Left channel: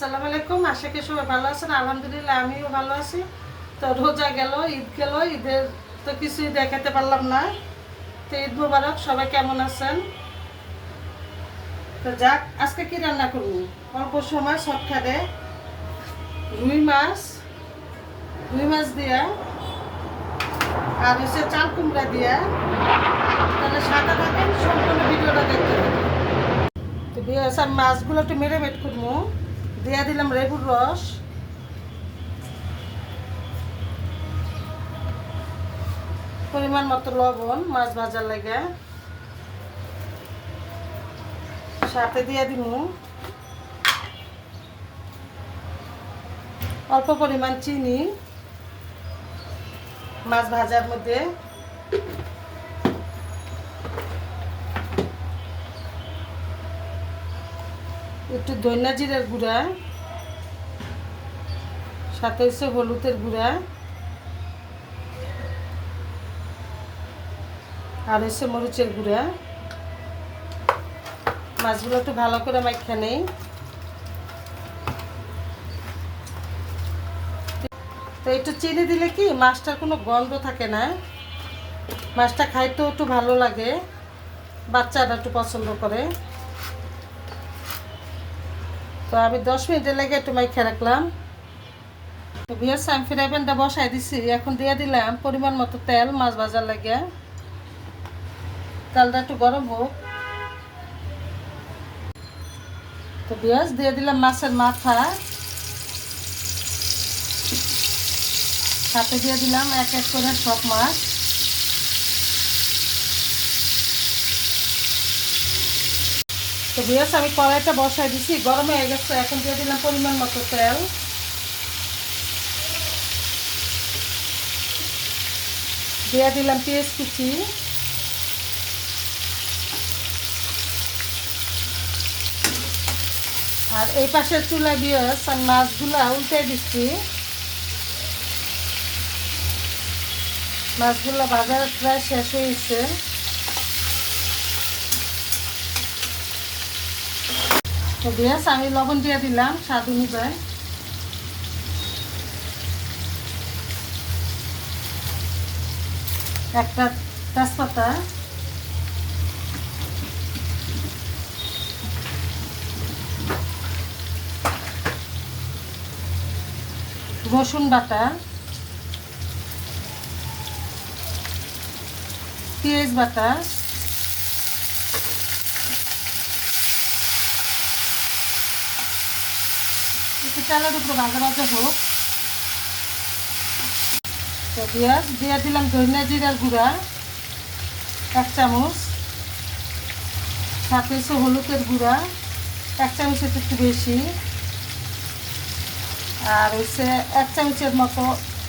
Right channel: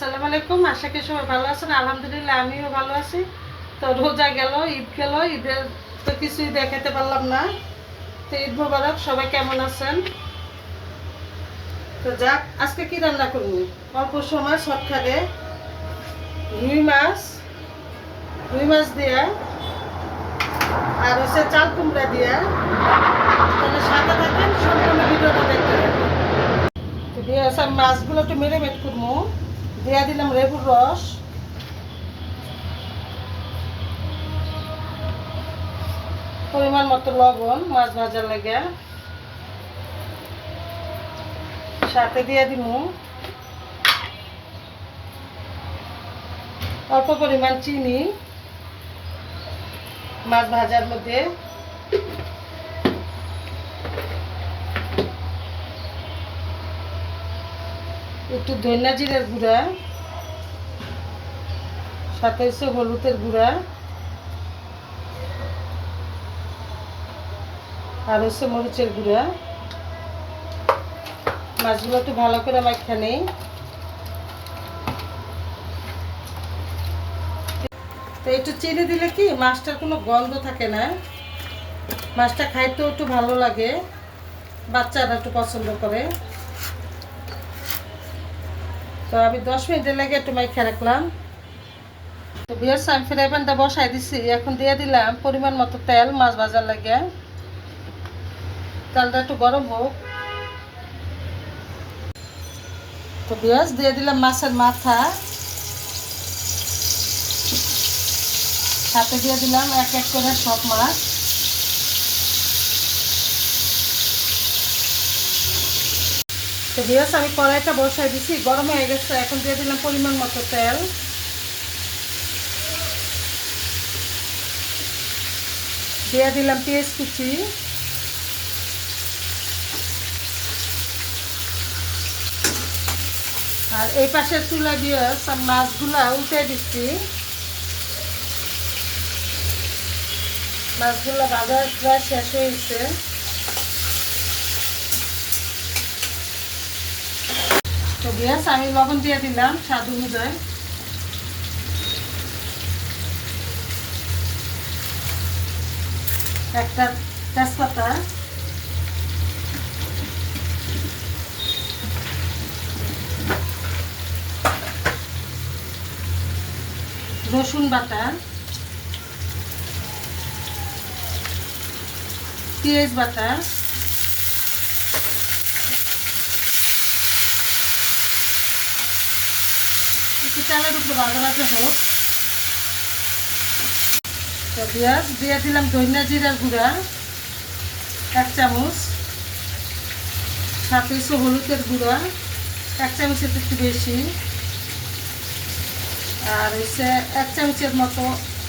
আসসালামু আলাইকুম। আশা করি সবাই ভালো আছেন। আলহামদুলিল্লাহ আমিও ভালো আছি। তো রোজা গেল, ঈদ গেল, ঈদের তো কিছুই দেখাতে পারলাম না। তো ঈদ মুবারক, সবাই কেমন আছেন? তো যাক, আজকে কি রান্না করব? অল্প সময় শর্টকাটে রুই মাছ, দিয়া আর হচ্ছে চাল কুমড়া দিয়া। তাহলে সাদা থাকেন, সম্পূর্ণ ভিডিওটা দেখতে থাকেন। তো দিয়ে মাছগুলো একটু মেরিনেট করবো। দিয়া দিলাম লেবুর রস, পরিমাণ মতো লবণ মাছ ভাজার লাগে, সাথে দিয়ে দিব অল্প পরিমাণ চিনি মাছ ভাজার মধ্যে, একটু ধনিয়া জিরের গুঁড়া, সাথে হচ্ছে হলুদের গুঁড়া, আর হচ্ছে মরিচের গুঁড়া। মাছগুলো একটু ভালো করে মাখা নেই। তো একটু চিনি দিলে কি মাছটার কোনো গন্ধ থাকে না, মাছটা খাইতেও একটু ভালো লাগে, বাচ্চারা একটু পছন্দ করে। তো আমি 10 মিনিটের লেগে একটু মাখা রাখলাম। তো বিয়ার আমি ফ্রাই প্যানটা বসাই দিছি, এখন দিয়ে দিলাম পরিমাণ মতো তেল মাছ ভাজার লাগে। তেলটা একটু গরম হোক। তো পেঁয়াজ দিয়ে দিলাম মাছের মাথা, সাথে দিয়ে দিলাম এক এক করে সব মাছ। তো পেঁয়াজ আমি কড়াইটা বসাই দিছি, গরম হয়ে গেছে। এখন দিয়ে দিলাম পরিমাণ মতো তেল, দিয়ে দিলাম পেঁয়াজ কুচি, আর এই পাশের চুলা দিয়ে আমি মাছগুলা উল্টে দিচ্ছি। মাছগুলো ভাজার প্রায় শেষ হয়েছে। তো পেঁয়াজ আমি লবণ দিয়ে দিলাম স্বাদ অনুযায়ী, একটা তেজপাতা, রসুন বাটা, পেঁয়াজ বাটা, একটু তেলের উপর ভাজা ভাজা হোক। তো পেঁয়াজ দিয়ে দিলাম ধনিয়া জিরার গুঁড়া 1 চামচ, সাথে হলুদের গুঁড়া 1 চামচের একটু বেশি, আর হচ্ছে 1 চামচের মতো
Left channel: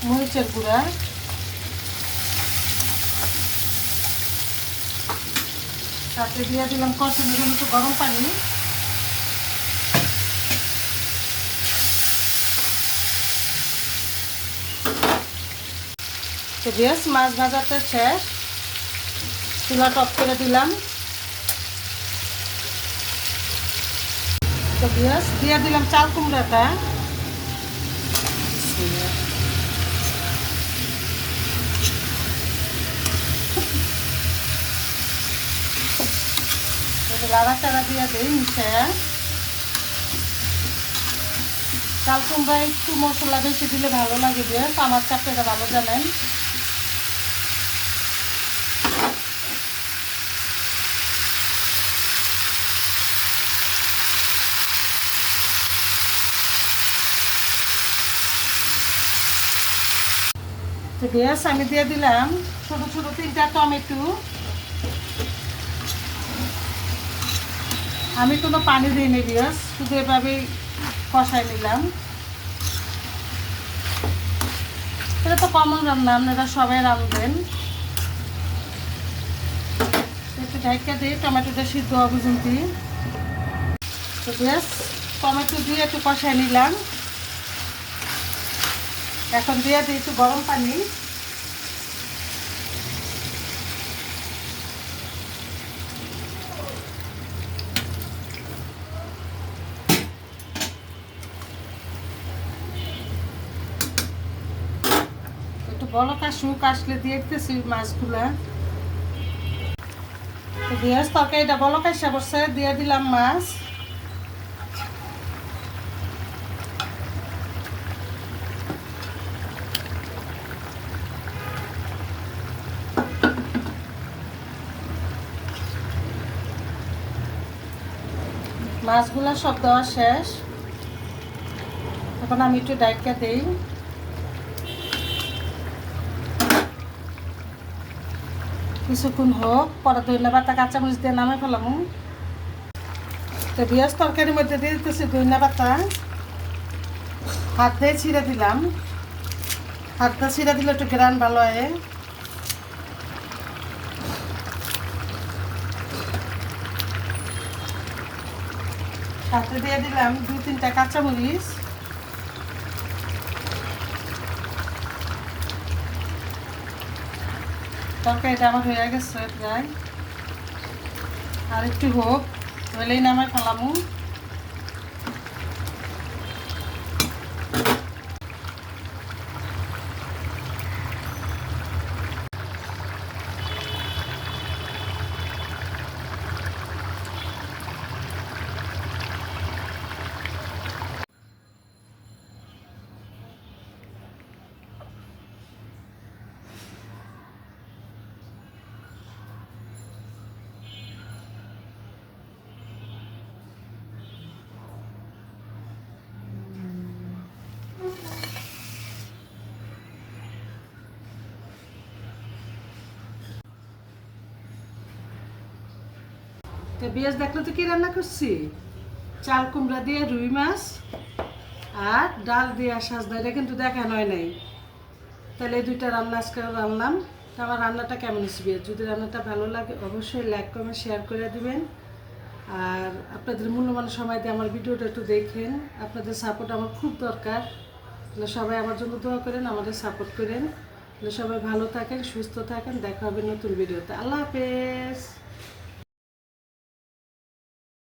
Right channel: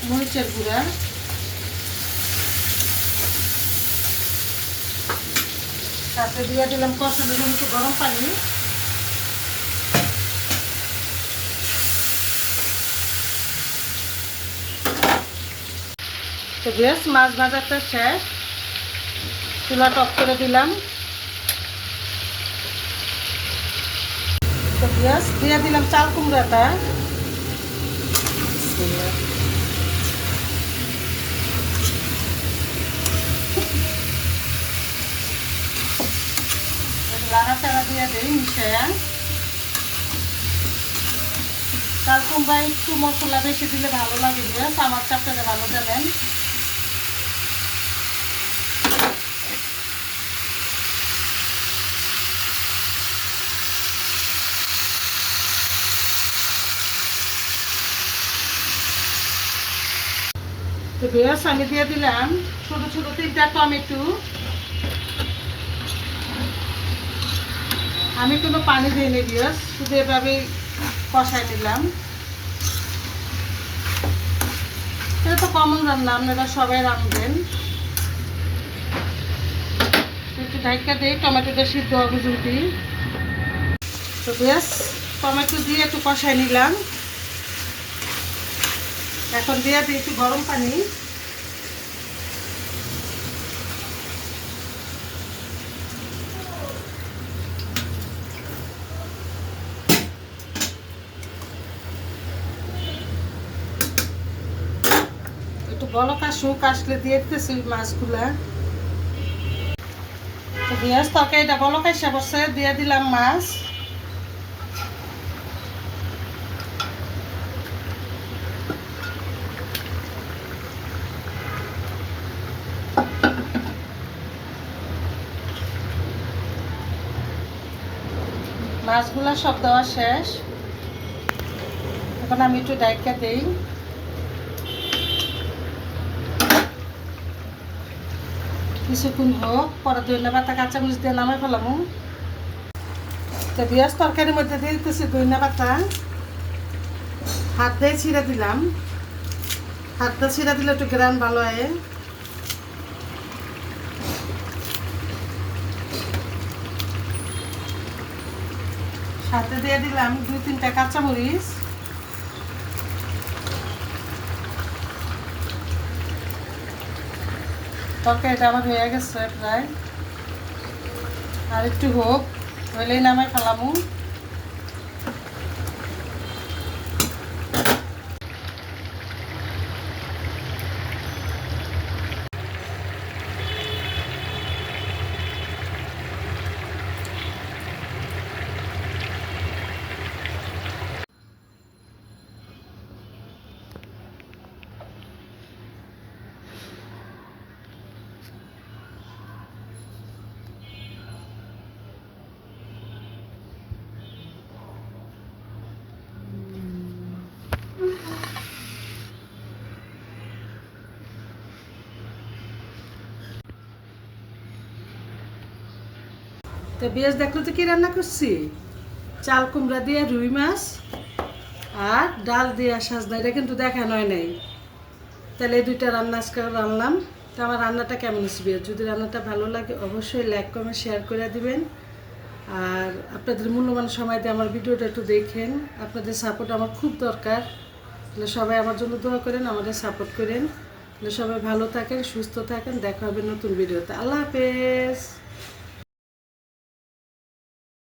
মরিচের গুঁড়া, সাথে দিয়ে দিলাম কষানোর জন্য একটু গরম পানি। তো বেশ মাছ ভাজাটা শেষ, চুলাটা অফ করে দিলাম। তো বেশ দিয়ে দিলাম চাল কুমড়াটা, লাড়াচাড়া দিয়ে দিই মিশিয়ে। চাল কুমড়া একটু মশলা বেশি দিলে ভালো লাগে, বেশ আমার চাপটা ভালো জানেন। তো বেশ আমি দিয়ে দিলাম ছোটো ছোটো 3টা টমেটো। আমি কোনো পানি দিয়ে নিই, বেশ শুধু এভাবেই কষাই নিলাম। এটা তো কমন রান্না, আপনারা সবাই রাঁধবেন। একটু ঢাকা দিই, টমেটোটা সিদ্ধ হবে জলদি। তো বেশ টমেটো দিয়ে একটু কষাই নিলাম। এখন দিয়ে দিই একটু গরম পানি, বলকা শুক আসলে দিয়ে দিতেছি মাছগুলা। তো পেঁয়াজ তরকারিটা বলকা এসে বসে দিয়ে দিলাম মাছ। মাছগুলা সব দেওয়া শেষ, এখন আমি একটু ডাইকা দিই। কিছুক্ষণ হোক, পরে ধনিয়া পাতা কাঁচামরিচ দিয়ে নামে ফেলাম। তো পেঁয়াজ তরকারির মধ্যে দিয়ে দিতেছি ধনিয়া পাতা, হাত দিয়ে ছিঁড়ে দিলাম। হাত দিয়ে ছিঁড়ে দিলে একটু গ্রান ভালো হয়। সাথে দিয়ে দিলাম 2-3টা কাঁচামরিচ। তরকারিটা আমার হয়ে গেছে প্রায়, আর একটু হোক, হইলেই নামাই ফেলামু। তো পেঁয়াজ দেখলো তো কি রান্না করছি, চাল কুমড়া দিয়ে রুই মাছ আর ডাল দিয়ে সাজনা, এটা কিন্তু দেখানো হয় নাই। তাহলে এই দুইটা রান্না আজকে রান্নাম। তো আমার রান্নাটা কেমন হচ্ছে, যদি রান্নাটা ভালো লাগে অবশ্যই লাইক কমেন্ট শেয়ার করে দিবেন। আর আপনাদের মূল্যবান সময় দিয়ে আমার ভিডিওটা একটু দেখেন, আপনাদের সাপোর্ট আমার খুব দরকার। তাহলে সবাই আমার জন্য দোয়া করেন, আমাদের সাপোর্ট করেন। তাহলে সবাই ভালো থাকেন, সুস্থ থাকেন, দেখা হবে নতুন ভিডিওতে। আল্লাহ হাফেজ।